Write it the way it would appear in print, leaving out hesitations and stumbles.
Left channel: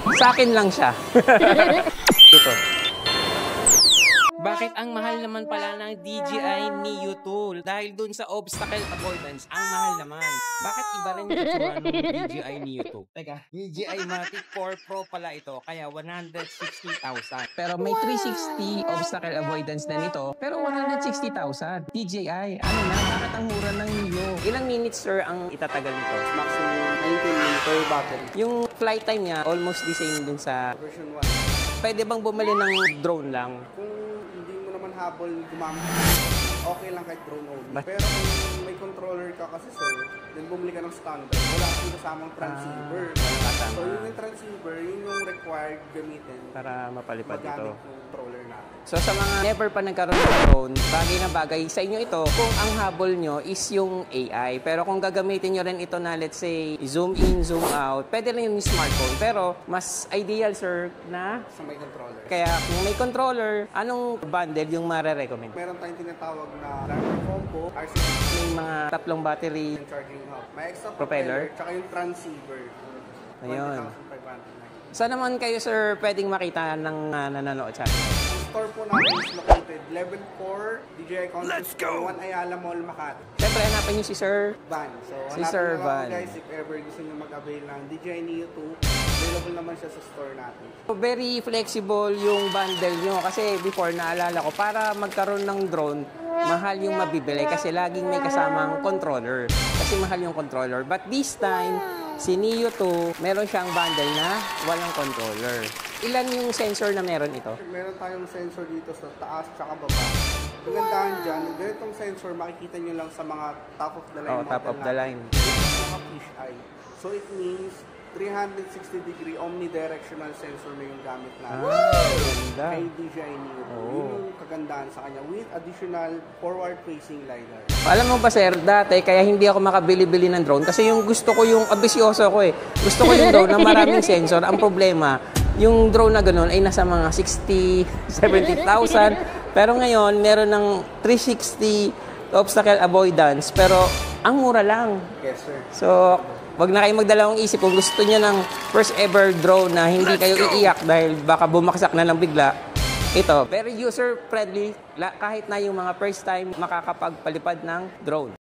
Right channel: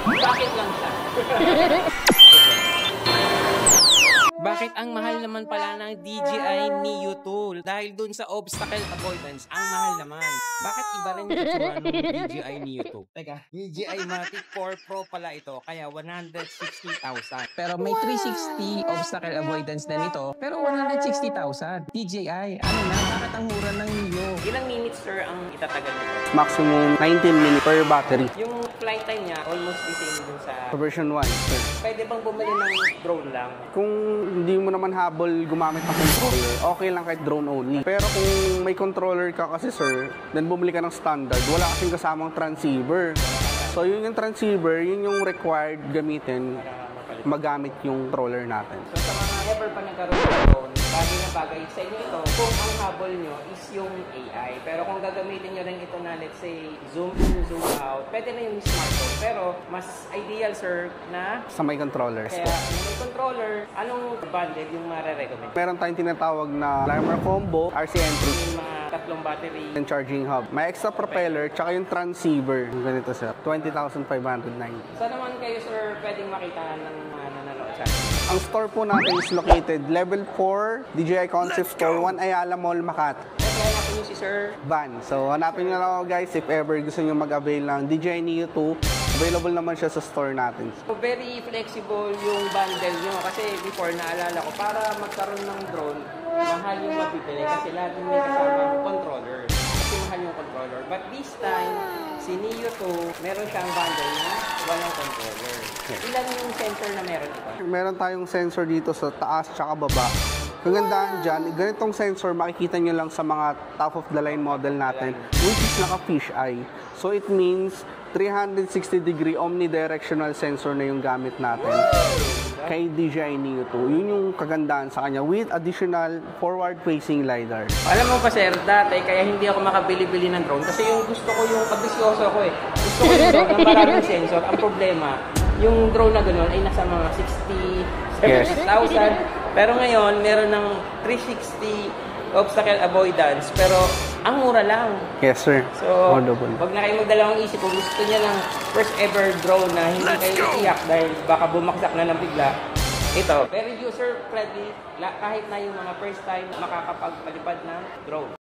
Sa akin lang siya. Ito. Bakit ang mahal naman pala ng DJI Neo 2? Dahil dun sa obstacle avoidance, ang mahal naman. Bakit iba rin yung itsura ng DJI Neo 2? Teka, DJI Mavic 4 Pro pala ito, kaya 160,000. Pero may 360 obstacle avoidance na nito, pero 160,000. DJI, ano na, bakit ang mura ng Neo? Ilang minutes, sir, ang itatagal nito? Maximum 19 minutes per battery. Yung flight time niya, almost the same dun sa Version 1. Pwede bang bumili ng drone lang? Kung hindi mo naman habol gumamit ng controller, okay lang kahit drone only. Pero kung may controller ka kasi sir, then bumili ka ng standard, wala kasing kasamang transceiver. So yun yung transceiver, yun yung required gamitin Para mapalit magamit yung controller natin. So sa mga never pa nagkaroon ng drone, bagay na bagay sa inyo ito kung ang habol nyo is yung AI. Pero kung gagamitin nyo rin ito na let's say zoom in, zoom out, pwede rin yung smartphone. Pero mas ideal sir na Sa may controllers. kaya kung may controller, anong bundle yung mare-recommend? Meron tayong tinatawag na Lima Combo, RCM3, Yung mga tatlong battery. and charging hub. May extra propeller, tsaka yung transceiver. Yung ganito sir, 20,590. Saan naman kayo sir pwedeng makita ng nanonood sa akin? Ang store po natin is located level 4, DJI Concept Store 1, Ayala Mall, Makati. Siyempre hanapin nyo si Sir Van. So, Si hanapin Sir na lang ako Van. guys if ever gusto nyo mag-avail ng DJI Neo 2. Available naman siya sa store natin. So, very flexible yung bundle nyo. Kasi before, naalala ko, para magkaroon ng drone, mahal yung mabibili kasi laging may kasamang controller. Kasi mahal yung controller. But this time, si Neo 2, meron siyang bundle na walang controller. Ilan yung sensor na meron ito? Meron tayong sensor dito sa taas tsaka baba. Kagandahan dyan, ganitong sensor makikita nyo lang sa mga top of the line model top of the natin. line. Which is naka-fish eye. So it means 360-degree omnidirectional sensor na yung gamit natin kay DJI Neo 2. Yun yung kagandahan sa kanya with additional forward-facing LiDAR. Alam mo pa sir, dati kaya hindi ako makabili-bili ng drone kasi yung gusto ko yung ambisyoso ako eh. Gusto ko yung drone na maraming sensor. Ang problema, yung drone na gano'n ay nasa mga 60, 70,000. Pero ngayon, meron ng 360 obstacle avoidance, pero ang mura lang. Yes, sir. So, Wonderful. wag na kayong magdalawang isip kung gusto niyo ng first ever drone na hindi kayo iiyak dahil baka bumaksak na lang bigla. Ito, very user friendly kahit na yung mga first time makakapagpalipad ng drone.